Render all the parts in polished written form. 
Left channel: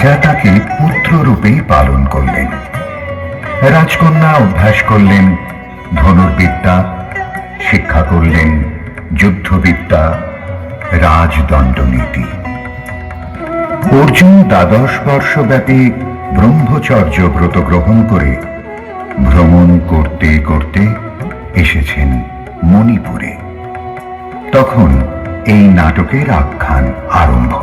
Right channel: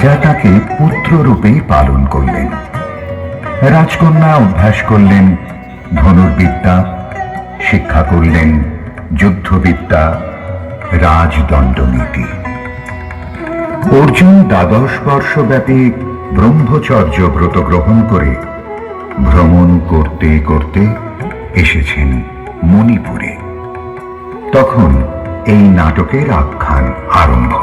রাজা তাকে পুত্ররূপেই পালন করলেন। রাজকন্যা অভ্যাস করলেন ধনুর্বিদ্যা, শিক্ষা করলেন যুদ্ধবিদ্যা, রাজদণ্ডনীতি। অর্জুন 12 বর্ষব্যাপী ব্রহ্মচর্য ব্রত গ্রহণ করে ভ্রমণ করতে করতে এসেছেন মণিপুরে। তখন এই নাটকের আখ্যান আরম্ভ।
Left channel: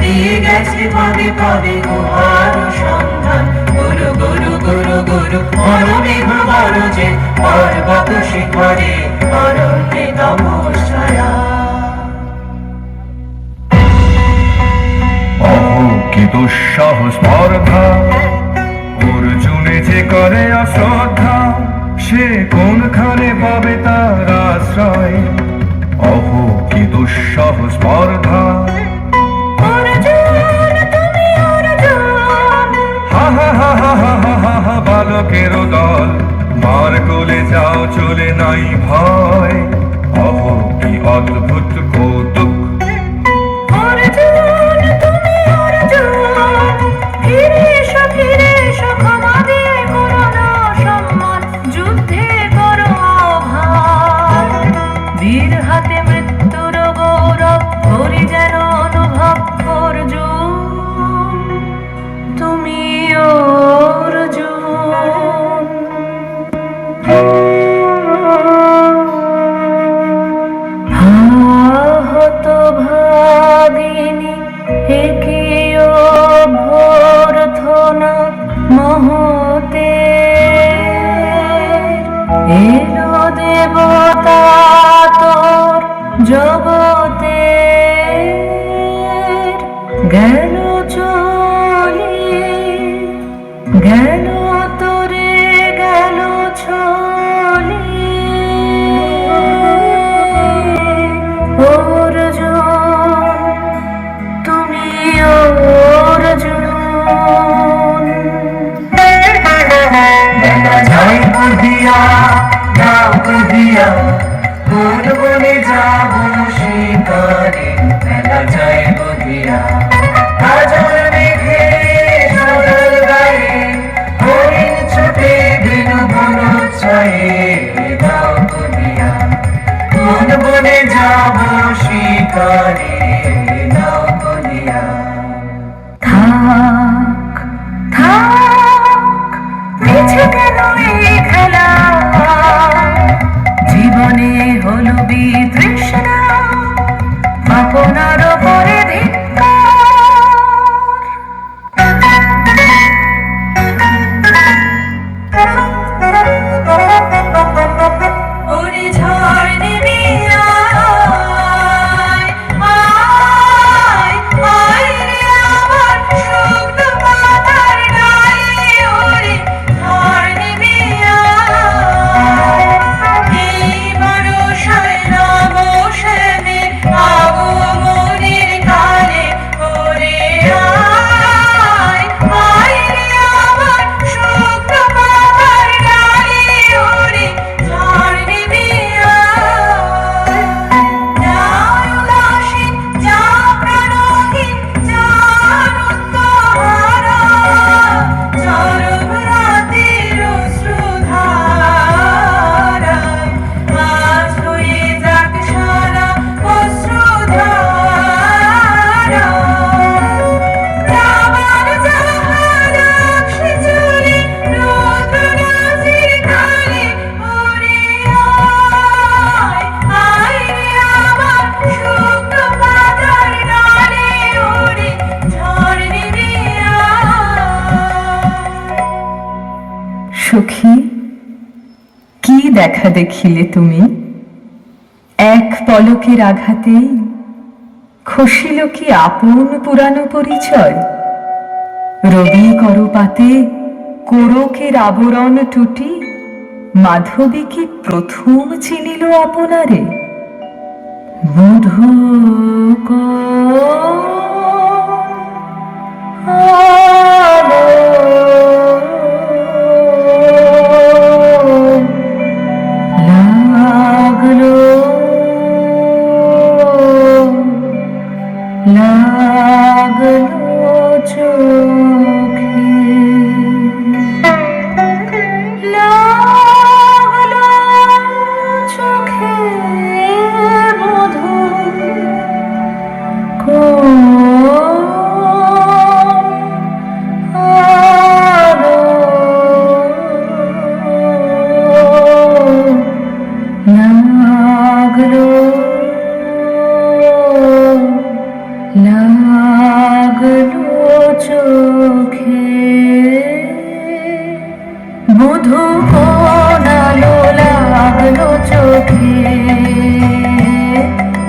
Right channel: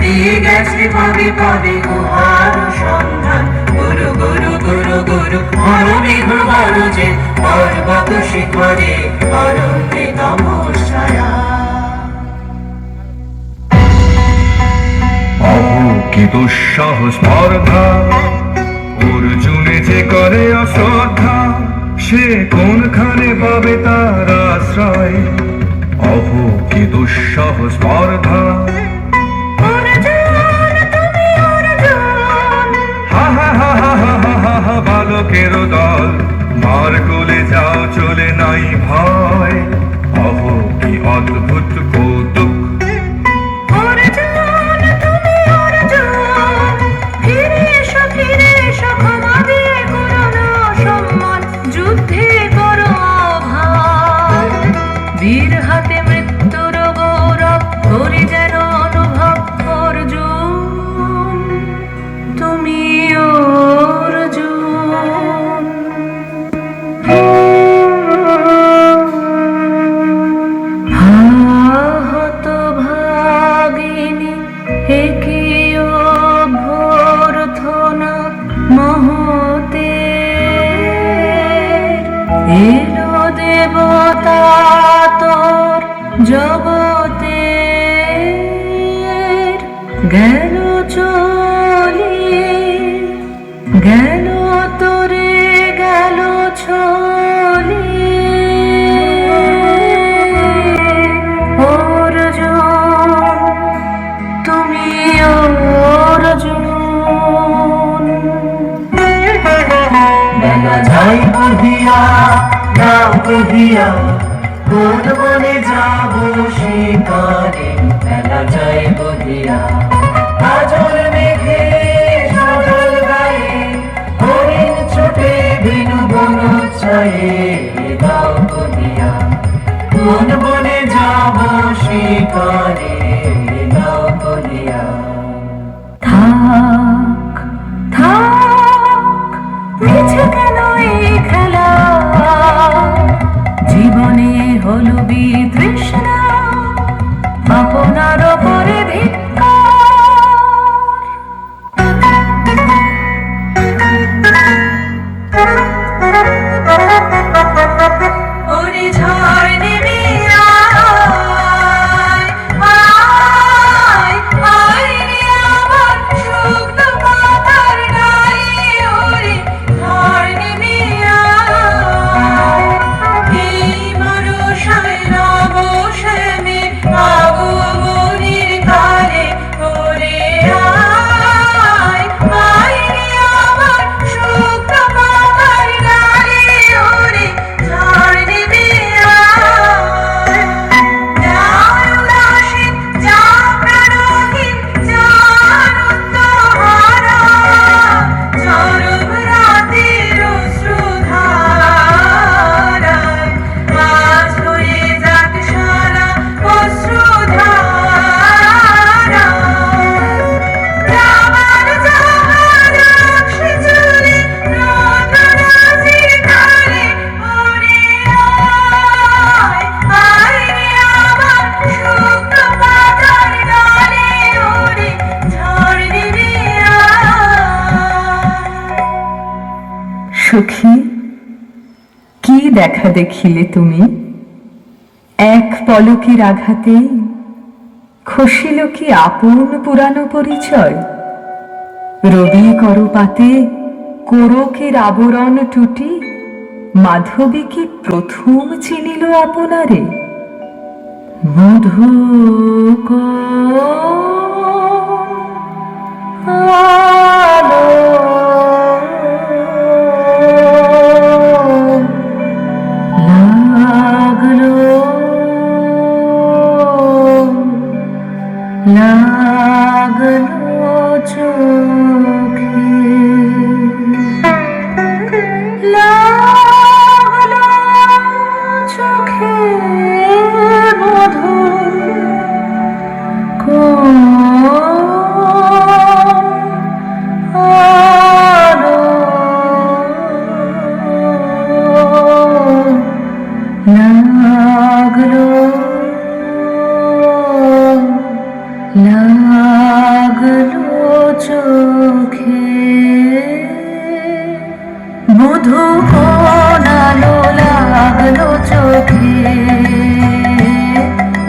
দিয়ে গেছে ভাবে ভাবে গুহার সন্ধান। গুরু গুরু গুরু গুরু মনোমেঘ গরজে পর্বত শিখরে অরণ্যে তমসায়া। অহো কি দুঃসহ স্পর্ধা, অর্জুনে যে করে অশ্রদ্ধা, সে কোনখানে পাবে তার আশ্রয়। অহো কি দুঃসহ স্পর্ধা, বালকের দল মার কোলে যাও চলে নাই ভয়। অহো কি অদ্ভুত কৌতুক, বীর হাতে মৃত্যুর গৌরব করে যেন অনুভব অর্জুন, তুমি অর্জুন। হত ভাগিনী একে অভ্যর্থনা মহতে, এলো দেবতা জগতে, গেল চলে গেল তোরে গেল ছলে। অর্জুন তুমি অর্জুন। বেলা যায় বুঝিয়া যাও বুঝিয়া, কোন বনে যাব শিকারে। বেলা যায় বুঝিয়া কাজল মেঘে সজল গায়ে, হরিণ ছুটে বেনু বন ছায়ে। যাও বুঝিয়া কোন বনে যাব শিকারে। যাও বুঝিয়া থাক থাক মিছে কেন এই খেলা, জীবনে হলো বিতৃষ্ণা আপনার পরে ঝড় নেমে আয়, সখী, কি দেখা দেখিলে তুমি? এক পলকের আঘাতে খসিল কি আপন পুরানো পরিচয়? রবি করপাতে কোরকের আবরণ টুটি মাধবী কি প্রথম চিনিল আপনারে? মধু লাগলো লাগলো চোখে, লাগলো চোখে মধু আলো লাগলো লাগলো চোখে, মধু কোন আলো লাগলো চোখে,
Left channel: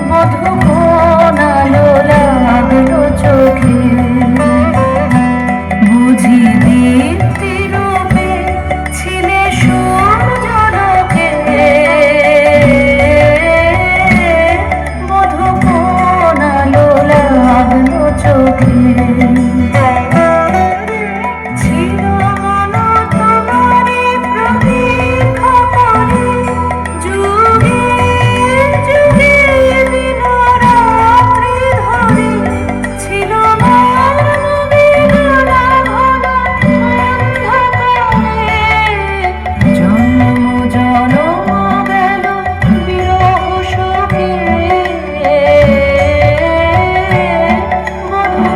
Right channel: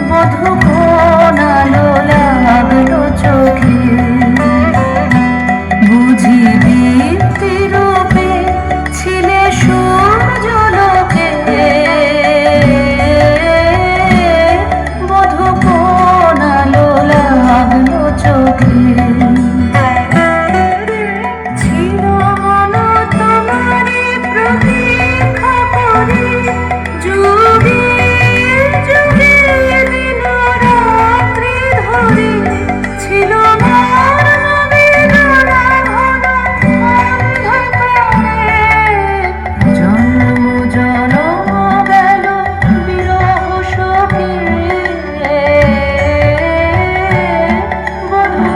মধু কোন আলো লাগলো চোখে, বুঝি দীপ্তি রূপে ছিলে সূর্যলোকে, মধু কোন আলো লাগলো চোখে। ছিল মন তোমারে প্রতীক্ষা করে, যুগে যুগে দিন রাত্রি ধরে, ছিল মোর মনে নানা ঘন অন্ধকারে, জন্ম জনম গেল বিরহ শোকে, মধু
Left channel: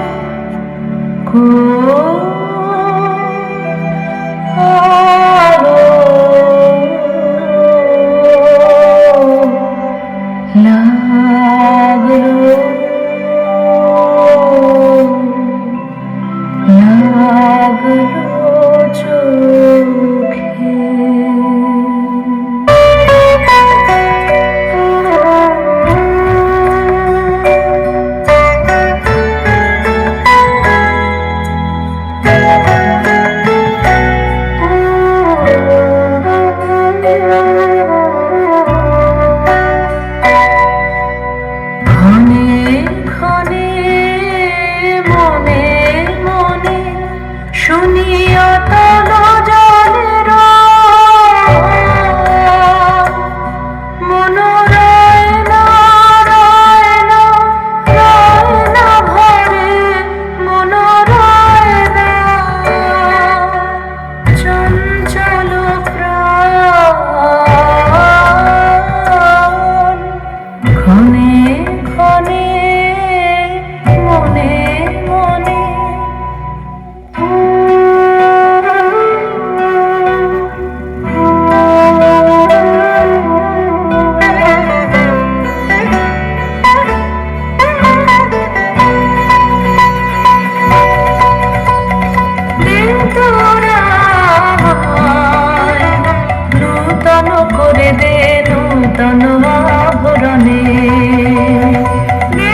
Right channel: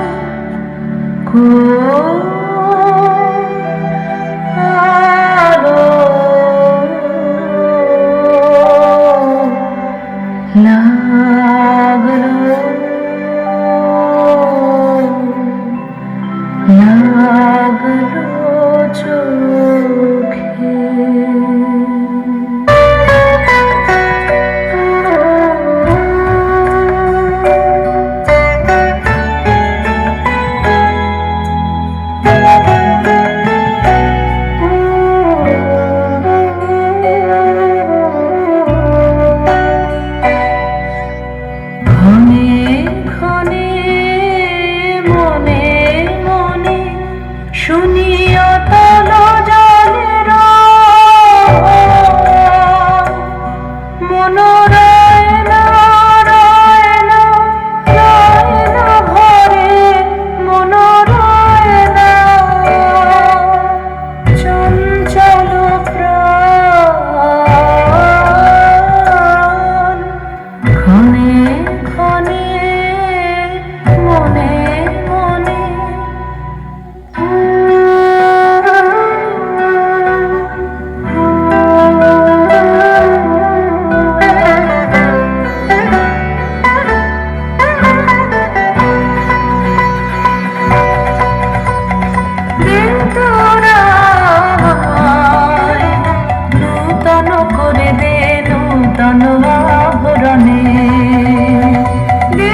শুনিয়া তালো জলের মনোরায় নারায়ণ নয়ন ভরে, মনোরায় না চঞ্চল প্রাণ, ক্ষণে ক্ষণে মনে মনে নূতন করে দে নূতন আভরণে, দে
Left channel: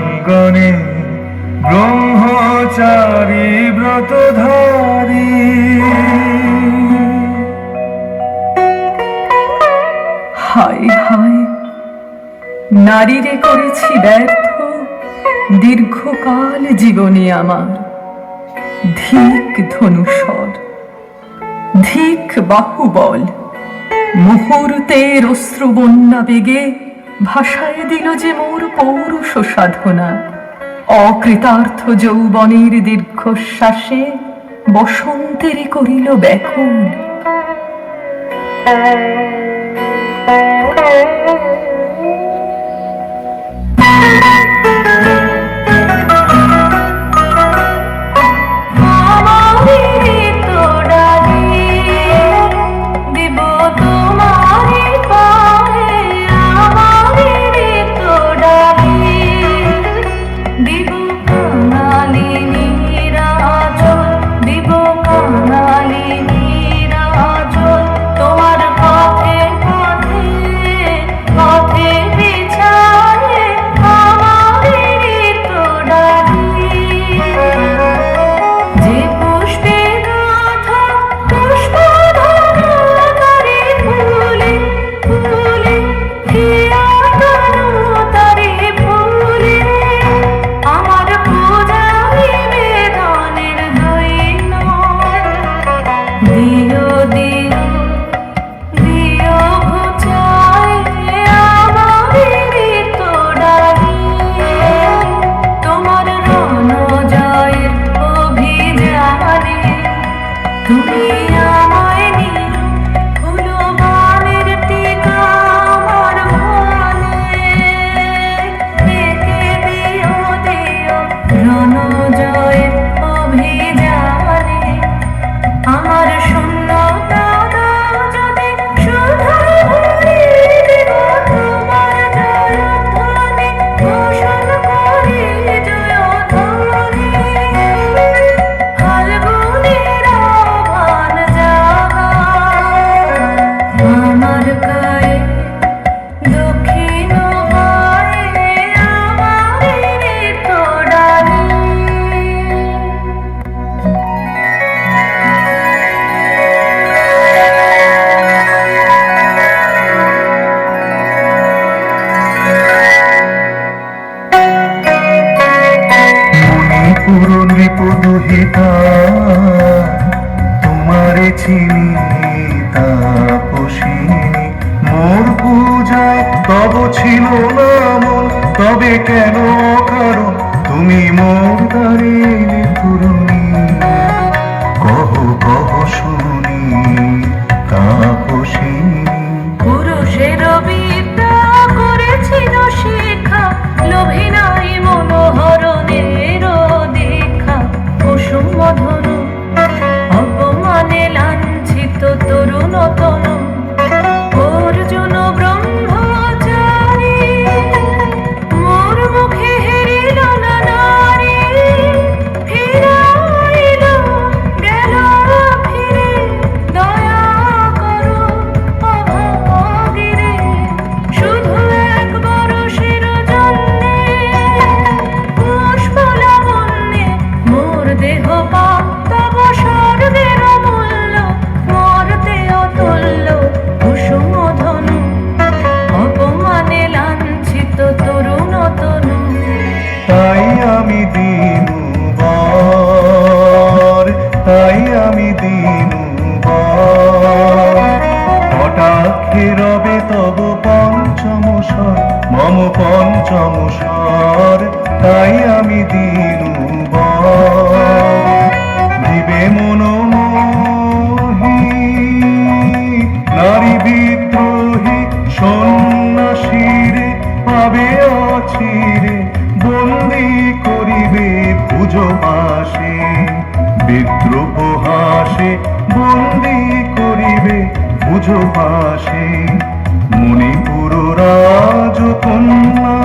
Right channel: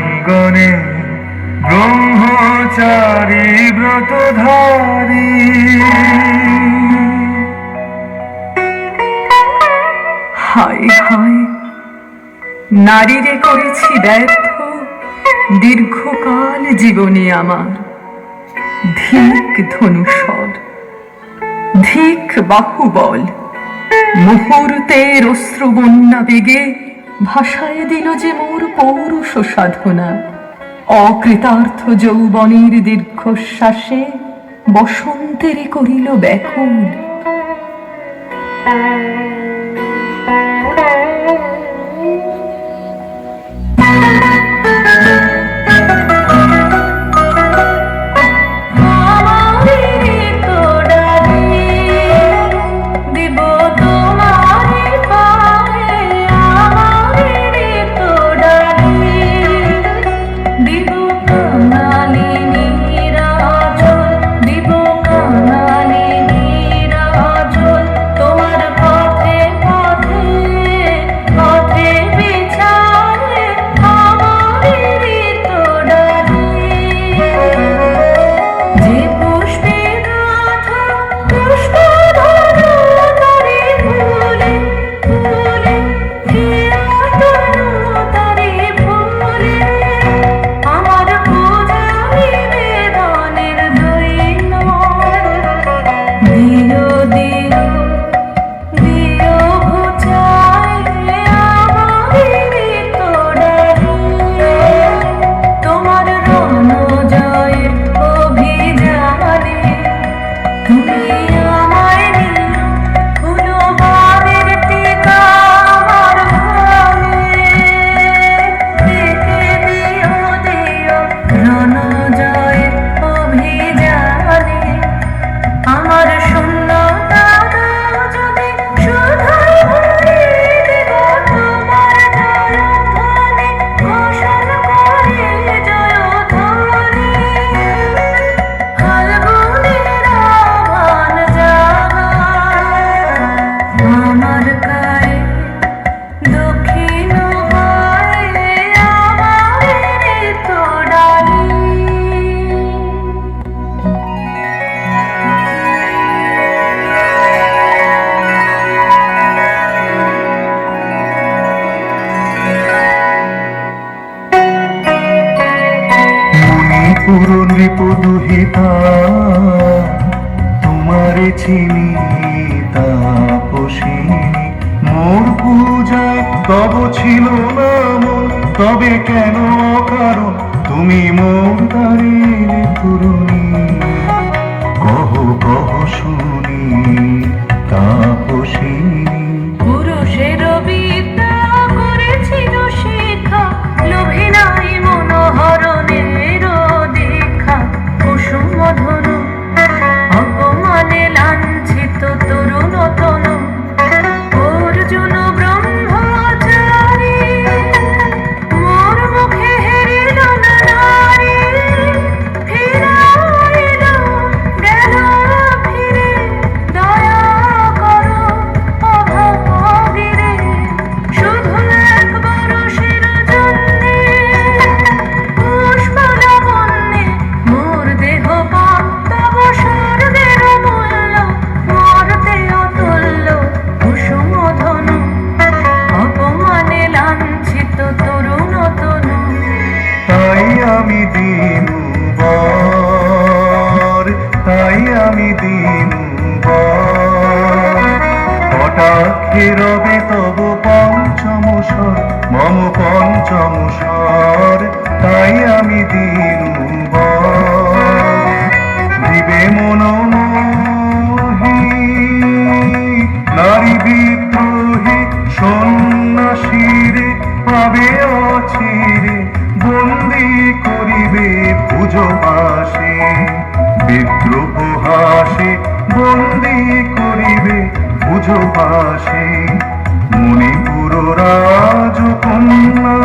অঙ্গনে ব্রহ্মচারী ব্রতধারী। হায় হায়, নারীরে করেছি ব্যর্থ দীর্ঘকাল জীবনে আমার। ধিক ধনুষর, ধিক বাহুবল, মুহূর্তের অশ্রুবন্যা বেগে ভাষায় দিল যে মোর পৌরুষ সাধনা। অকৃতার্থ যৌবনের দীর্ঘশ্বাসে বসন্তেরই করিল ব্যাকুল। নৃপদুহিতা তোমারে চিনি তাপসিনী, মোর পূজায় তব ছিল নাম, তবে কেন কারণ তুমি মোর দ্বারে তরুণী। কহ কহ শুনি তাপসিনী। পুরুষের বিদ্যা করেছিল শিক্ষা, লোভে নাই মনোহরণের দেখা। কুসুম ধনু অপমানে লাঞ্ছিত তরুণ তনু, অর্জুন ব্রহ্মচারী মোর মুখে হেরিল না নারী। ফিরাইল গেল ফিরে, দয়া করো অভাগীরে। শুধু একবার শির জন্যে পুষ্পলাবণ্যে মোর দেহ পাপ, তব স্বর্গের মূল্য মর্তে অতুল্য। কুসুম ধনু অপমানে লাঞ্ছিত তরুণ তনু। তাই আমি দিনুবার, তাই আমি দিনুবার, কটাক্ষে রবে তব পঞ্চম স্বর, মম পঞ্চম স্বর। তাই আমি দিনুবার, দিবে মনোমোহী নারী বিদ্রোহী সন্ন্যাসীরে পাবে অচিরে, বন্দি করিবে ভুজ পাশে। বিদ্রোহ হাসে বন্দি করিবে ভুজ পাশে। মণিপুর রাজকন্যা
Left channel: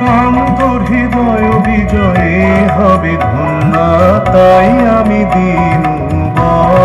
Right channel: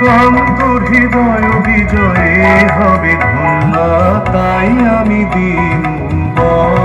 কান্ত হৃদয় বিজয়ে হবে ধন্যা। তাই আমি দিনুবার।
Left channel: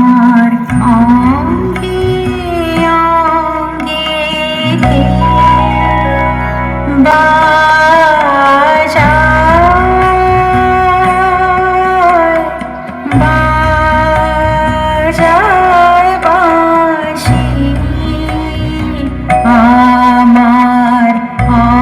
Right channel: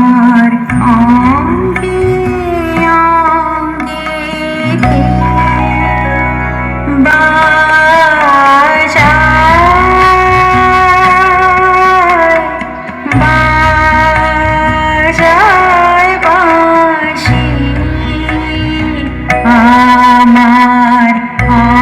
আমার অঙ্গে অঙ্গে বাজায়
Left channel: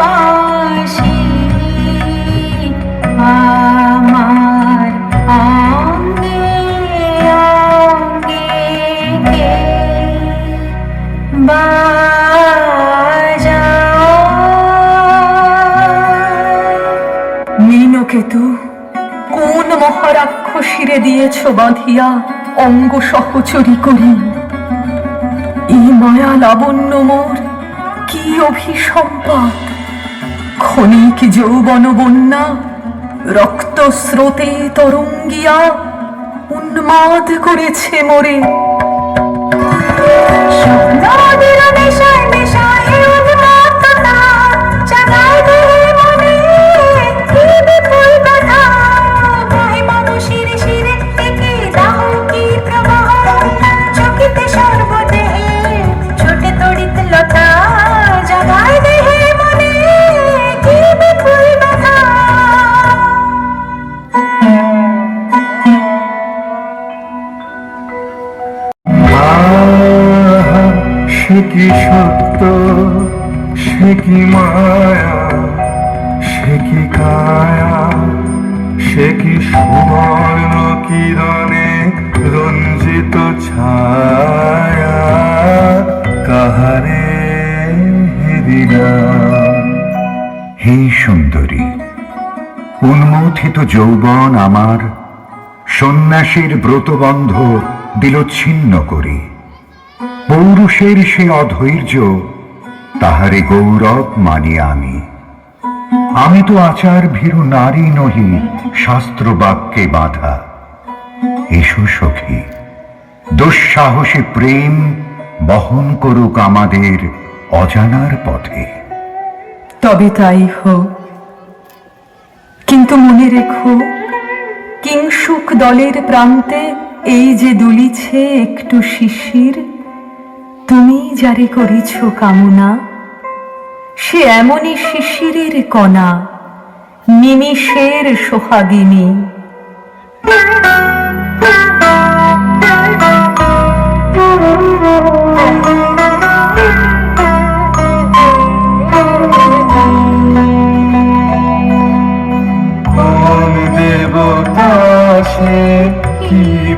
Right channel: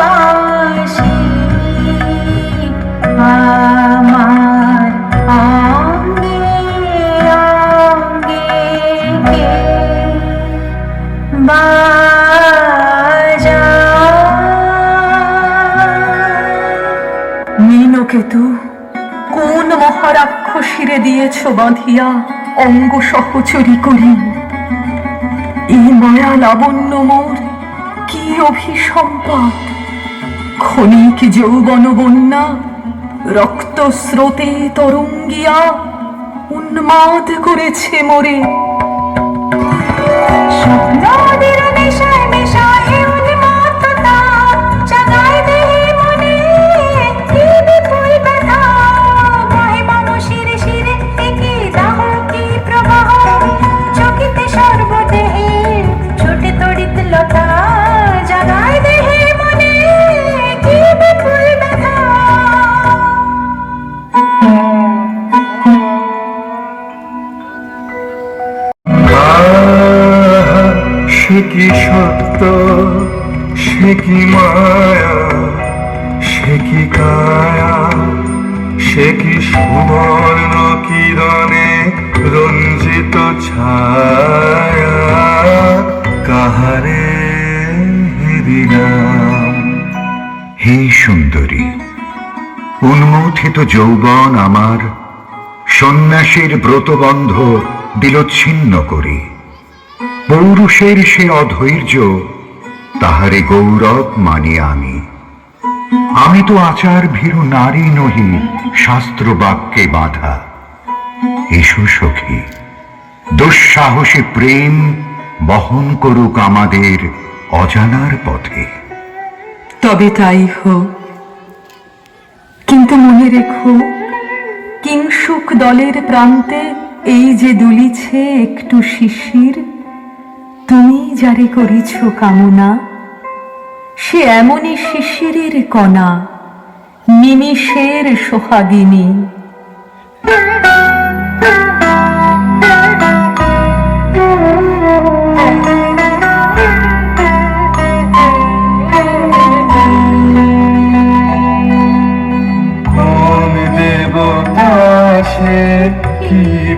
বাঁশি আমার অঙ্গে নীলকেতু কোন মহারাক্ষসীরে দিয়েছ বাঁধিয়া অঙ্গ সহচরী করি, এই মায়া লাবণ্য মোর কি অভিসম্পাদ, ক্ষণিক যৌবন বন্যা রক্ত স্রোতে তরঙ্গিয়া উন্মাদ করেছে মোরে। স্বপ্নদের নেশায় নেশায় উন্মত্ততা জাগায় দেহে মনে কি বিপুল ব্যথা, বহিবহ শিরে শিরে একে দাহ কি প্রবাহ, চকিতে সর্বদেহে ছোটে তড়িৎ লতা, জাগায় দেহে মনে কি বিপুল ব্যথা। সে কি সত্য, সে কি মায়া, সে কি কায়া, সে কি সুবর্ণ কিরণে রঞ্জিত ছায়া, কাহারে দিলাম। হে সুন্দরী, উন্মথিত যৌবন আমার সন্ন্যাসীর ব্রতবন্ধ বিলচ্ছিন্ন করি, পৌরুষের সে অধৈর্য তাহারে গৌরব মানি আমি। আমি তো আচার ভীরু নারী নহি, শাস্ত্র বাক্যে বাঁধা। এসো সখী, দুঃসাহসী প্রেম বহন করুক আমাদের অজানার পথে। তবে তাই হোক, কিন্তু মনে রেখো কিংসুক দলের প্রান্তে এই যে দুলিছে একটু শিশির, তুমি যারে করিছ কামনা সে এমনই শিশিরের কণা, নিমিষের সোহাগিনী।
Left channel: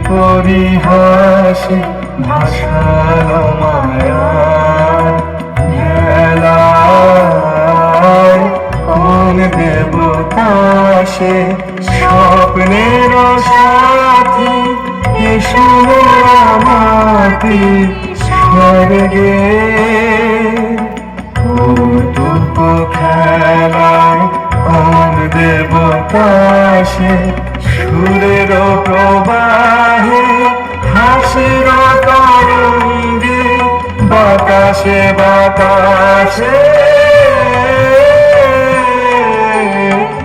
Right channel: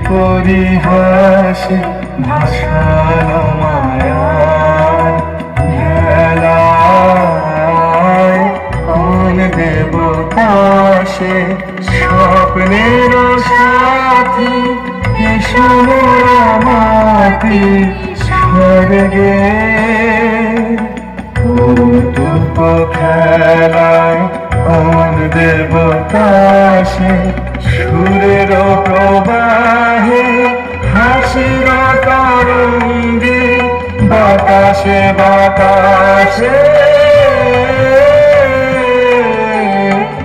পরিহাসে ভাসালো মায়া ভেলায় কোন দেবতাসে স্বপ্নের সাথী এসো মাটি স্বর্গে কৌতুক খেলায় কোন দেবতাসে সুরের প্রবাহে হাসির তরঙ্গে বাতাসে বাতাসে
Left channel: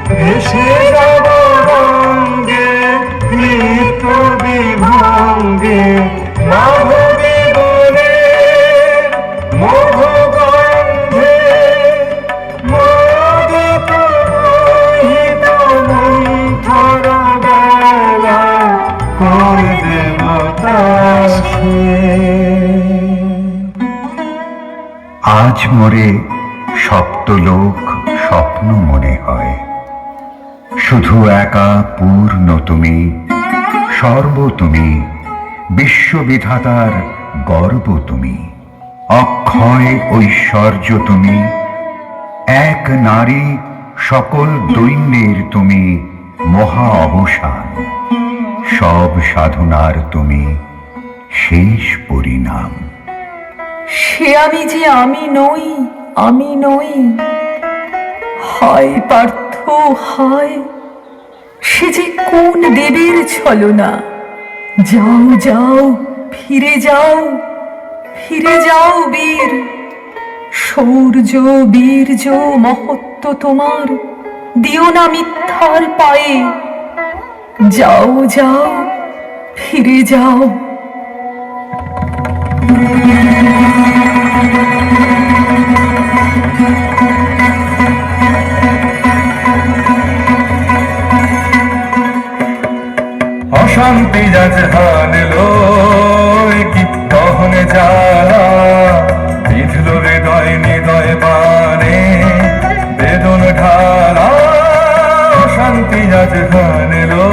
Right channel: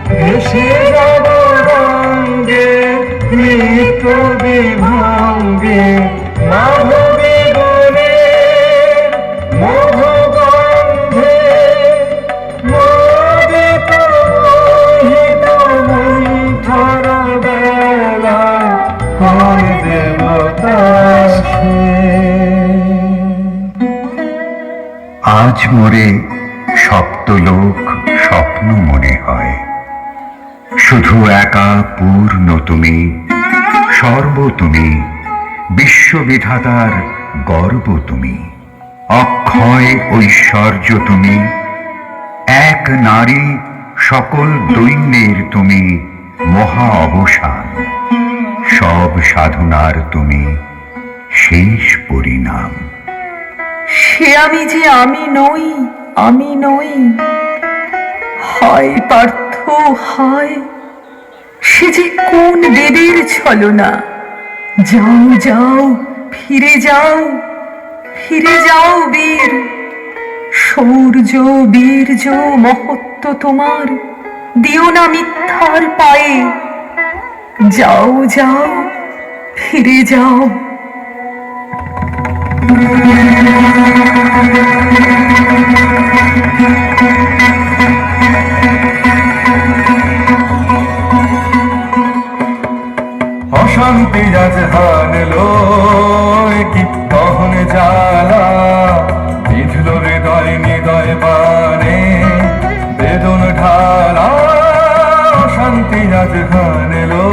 ভেসে যাব রঙ্গে নৃত্য বিভঙ্গে মাধবী বনে মোহগন্ধে মোদিত মোহিত মন্থর বেলা কোন দেবতা সে? আজ মোরে সপ্তলোক স্বপ্ন মনে হয়, শুধু একা পূর্ণ তুমি, সর্ব তুমি, বিশ্ববিধাতার গর্ব তুমি, অক্ষয় ঐশ্বর্য তুমি, এক নারী সকল দৈন্যের তুমি মহা অবসান, সব সাধনার তুমি শেষ পরিণাম। সে আমি যে আমি নই, আমি নই, হয় পার্থ হয় সে যে কোন দেবীর ছলনা। যাও যাও ফিরে যাও, ফিরে যাও বীর, শৌর্য বীর্য মহত্ব তোমার দিও না মিথ্যার পায়ে। যাও যাও ফিরে যাও। অশান্তি আজ হানলো কি দহন জ্বালা, বিধল হৃদয় নিদয় বানে বেদন ঢালা। অশান্তি আজ হানলো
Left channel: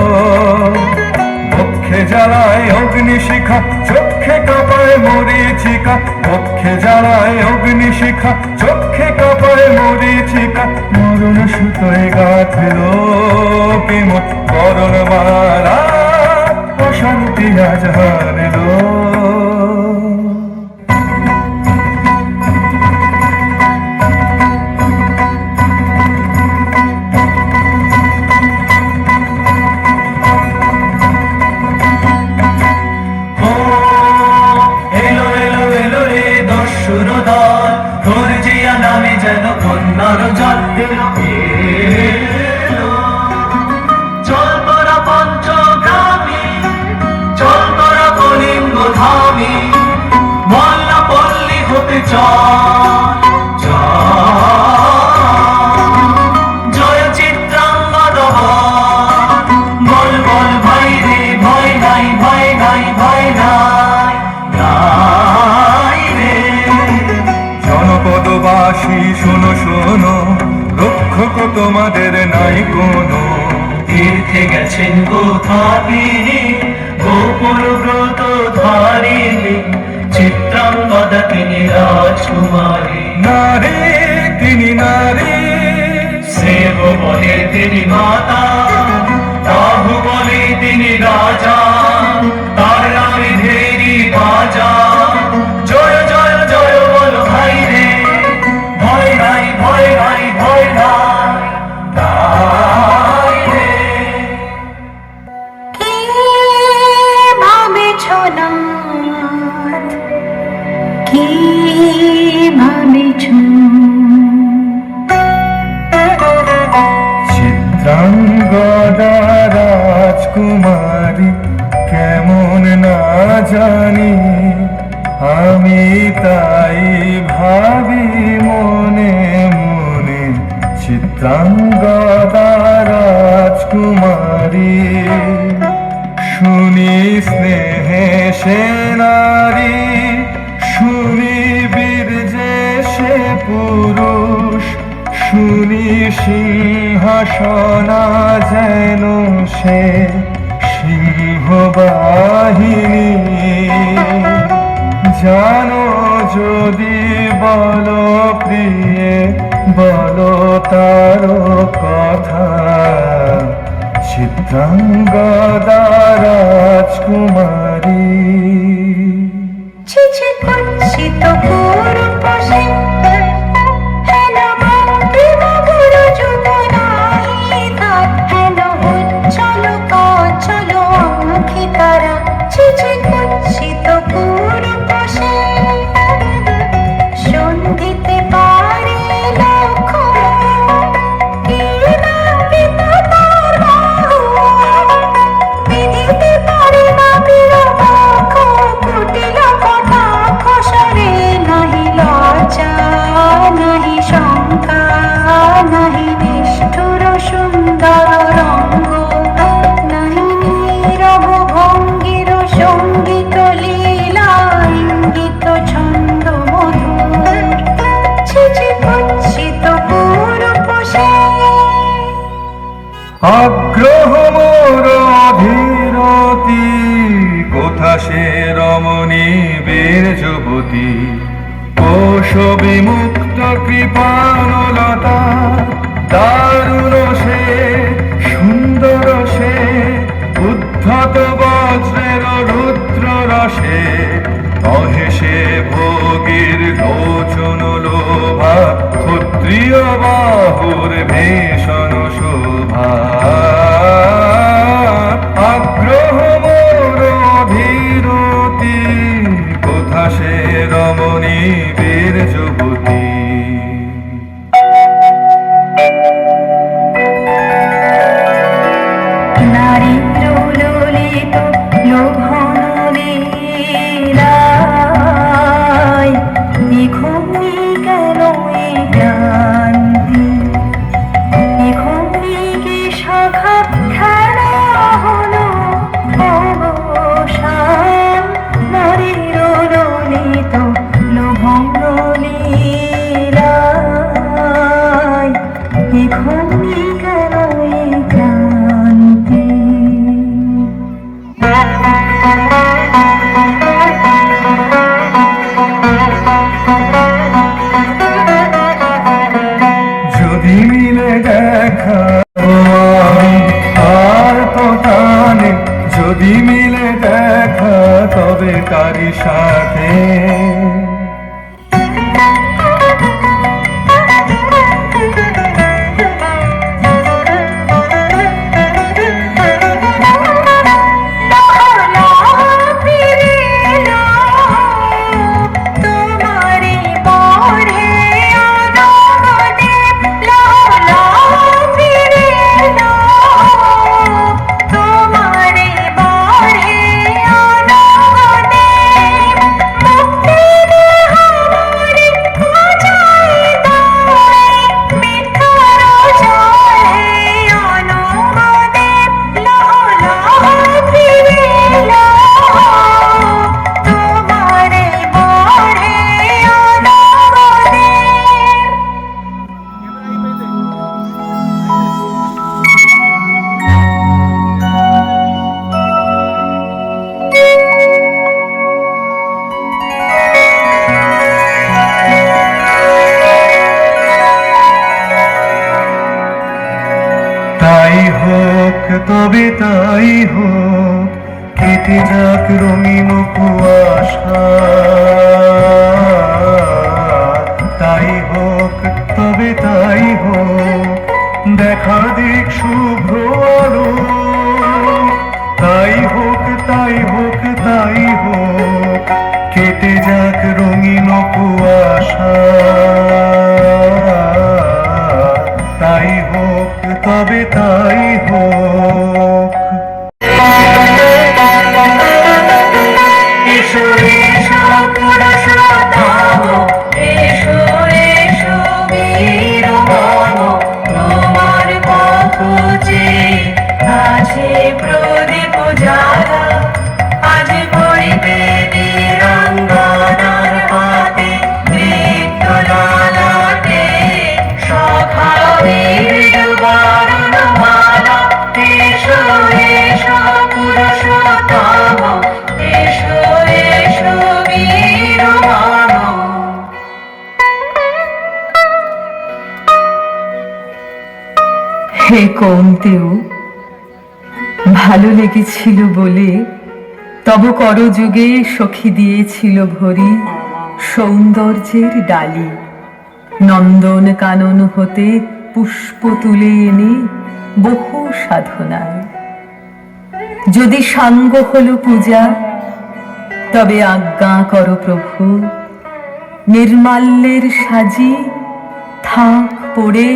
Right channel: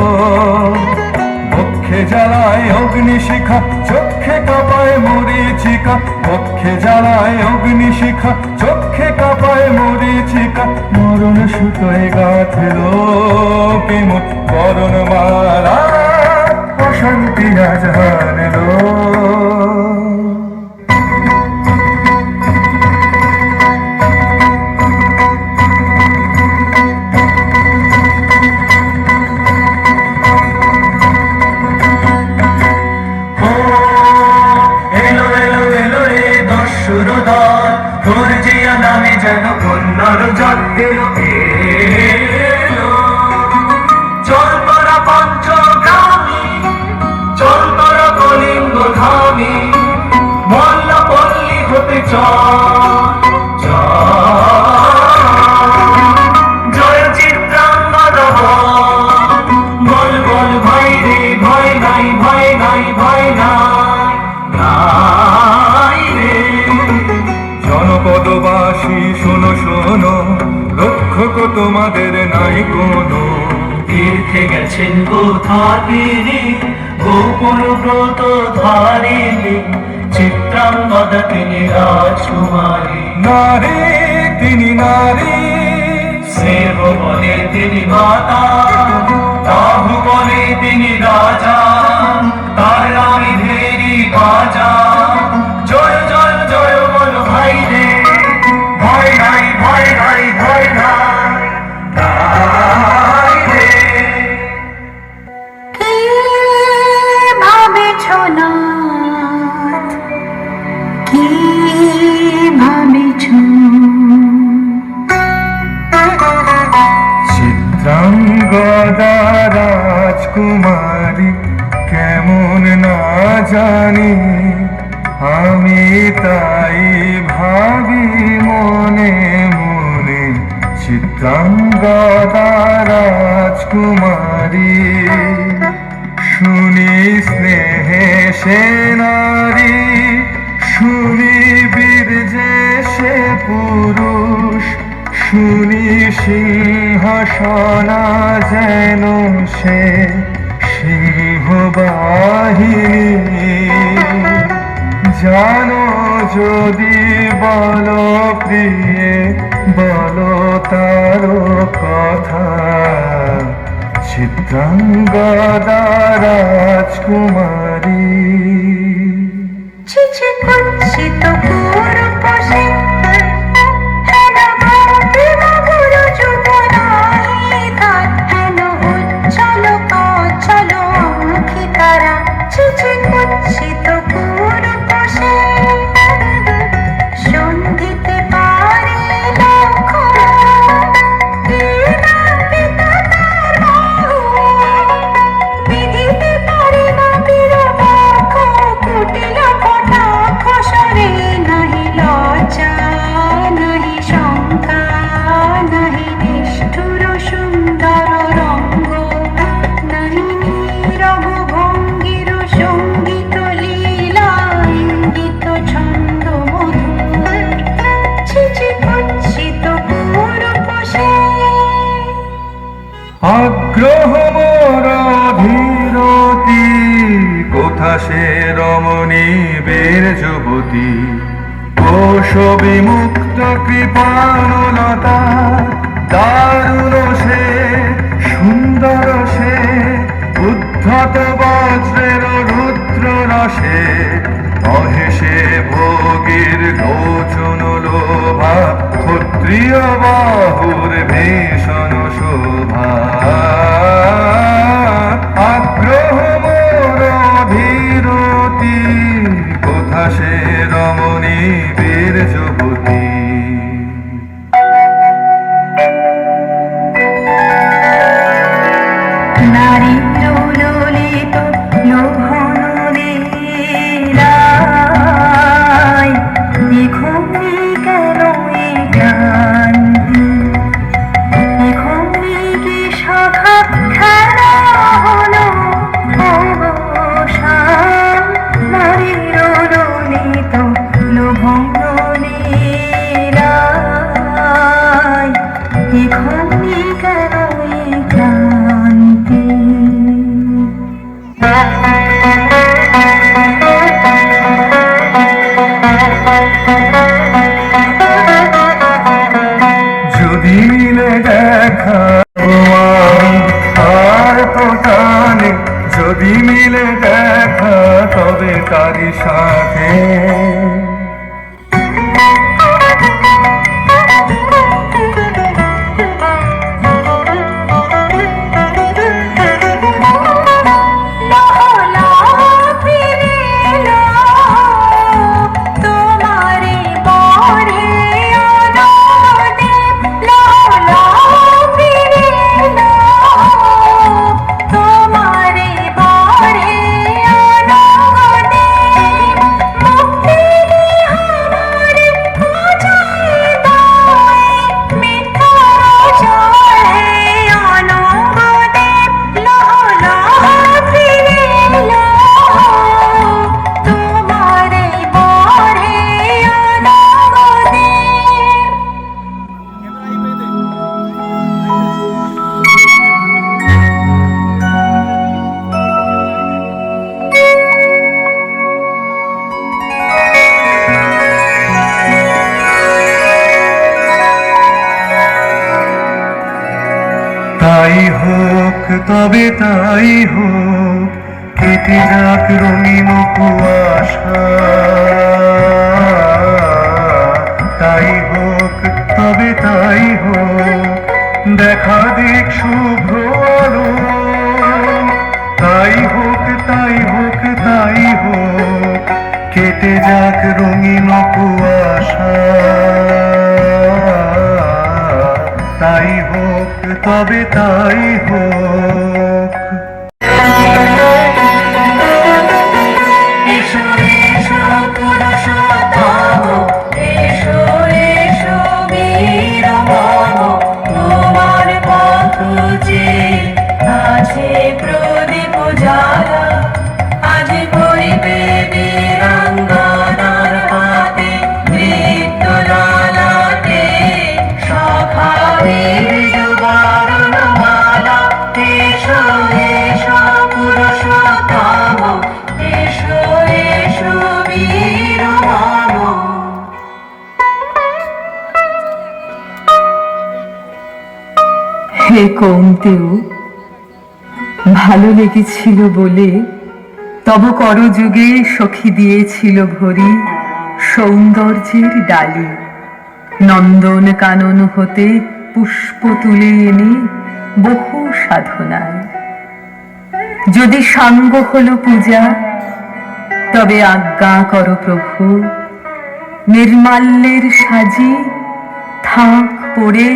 বক্ষে জ্বালায় অগ্নিশিখা, চক্ষে কাঁপায় মরীচিকা, বক্ষে জ্বালায় অগ্নিশিখা, চক্ষে কাঁপায় মরীচিকা। মরণ সুতোয় গাঁথলো বিমুখ করণ মালা, অশান্তি আজ হানলো। এলো এলো এলো রে দস্যুর দল, গর্জিয়া নামে যেন কন্যার জল এলো এলো। চল তোরা পঞ্চগ্রামী, চল তোরা কলিঙ্গ ধামী, মল্লা পল্লী হতে চল জয় চিত্রাঙ্গদা বল বল ভাই রে ভাই নাই ভাই নাই ভাই নাই রে। জনপদবাসী শোনো শোনো, রক্ষক তোমাদের নাই কোনো। তীর্থে গেছেন গোধাবিনী, গোকুল ব্রত ধারিণী, চিত্রাঙ্গদা তিনি রাজকুমারী। নারী তিনি নারী, শ্রেব বলে তিনি মাতা, বাহুবলে তিনি রাজা, তার নামে ধেরি বাজা। জয় জয় জয় বল ভাই রে, ভয় নাই ভয় নাই ভয় নাই নাই রে। কি ভাবেছ নাথ, কি ভাবেছ? চিত্রাঙ্গদা রাজকুমারী কেমন না জানি, আমি তাই ভাবি মনে মনে। চিত্রাঙ্গদা রাজকুমারী শুনি স্নেহে সে নারী, শুনি বীর্যে সে পুরুষ, শুনি সিংহাসনা যেন সে সিংহবা কাহিনী জানো যদি বলো প্রিয়ে বলো তার কথা চিত্রাঙ্গদা রাজকুমারী চিচি কুৎসিত পূর্বশে হেন ভাবিল গুর যুবনাহি তার হেন উজ্জ্বল কাচল মুখে তারা চিচি কুৎসিত পূর্বশে সঙ্গীতে পারি লক্ষ কে নাগে তার বাহু বিধিতে পারি না বিরহ কুটিল কটাক্ষ সরে নাহি লজ্জা নাহি শঙ্কা নাহি নিষ্ঠুর সুন্দর রঙ্গ নাহি নীরব ভঙ্গির সঙ্গীত লীলা ইঙ্গিত ছন্দ মধুর ছিছি কুৎসিত পূর্বশে আগ্রহ মোর অভিরতি কোথা সে রমণী বীর যুবতী কোশ বিমুক্ত কৃপানলতা দারুণ সে সুন্দর সে উদ্ধত বজ্রের রুদ্র রসে অহেসে ভোগীর লোচন লোভা ক্ষত্রিয় বাহুর ভীষণ শোভা আগ্রহ মোর অভিরতি কোথা সে রমণী বীর যুবতী নারী লোলিত লোভন লীলায় এখনি কেন এই ক্লান্তি এখনি কি সখা খেলা হলো অবসান নারীর লোলিত লোভন লীলায় এখনি কেন এই ক্লান্তি যদি মিলে দেখা আর তো টানে যদি মিলে দেখা তবে তারই সাথে তাই হোক তবে তাই হোক কেটে যাক রঙিন কুয়াশা তাই হোক তবে তাই হোক দেখা দিক শুভ্র আলো তাই হোক তাই হোক তাই হোক কেটে যাক রঙিন কুয়াশা তাই হোক তবে তাই হোক এসো এসো পুরুষোত্তম এসো এসো বীর মম তোমার পথে আছে প্রদীপ জ্বালা আজ পড়িবে বীরাঙ্গনার হাতে কৌন্তেয়, ভালো লেগেছিল বলে তব করযুগে সখী দিয়েছিল ভরি সৌন্দর্যের ডালি। নন্দন কানন হতে পুষ্প তুলে এনে বহু সাধনায়, যদি সাঙ্গ হলো পূজা, তবে আজ্ঞা কর প্রভু, নির্মাল্যের সাজি থাক পড়ে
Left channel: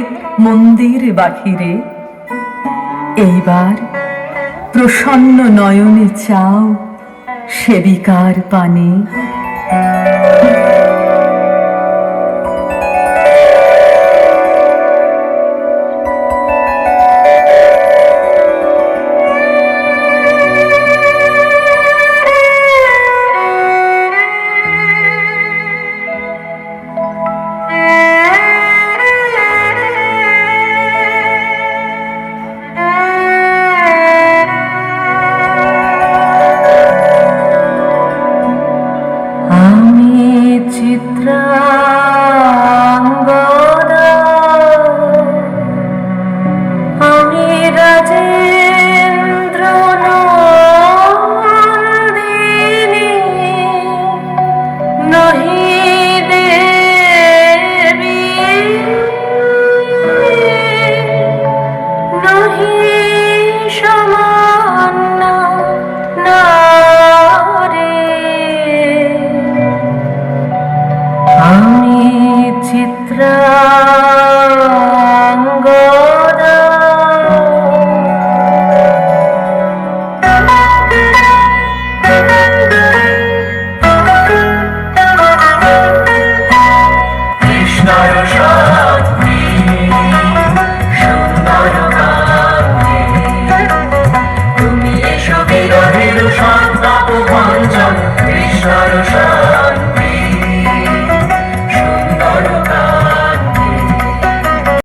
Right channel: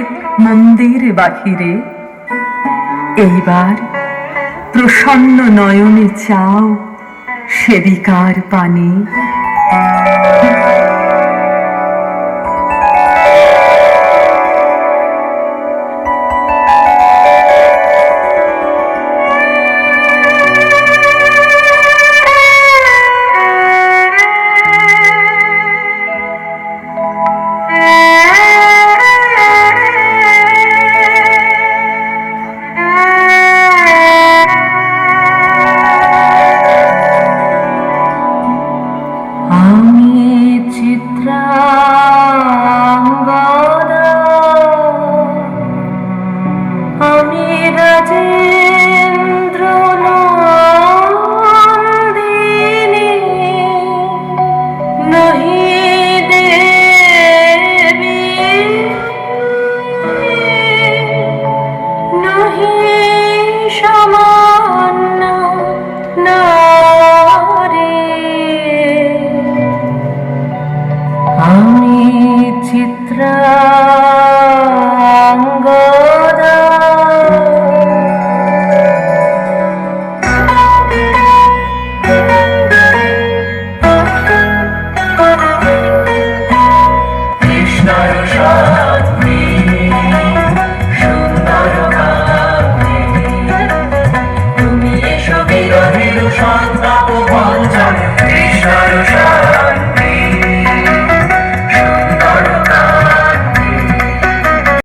মন্দির বাহিরে। এইবার প্রসন্ন নয়নে চাও সেবিকার পানে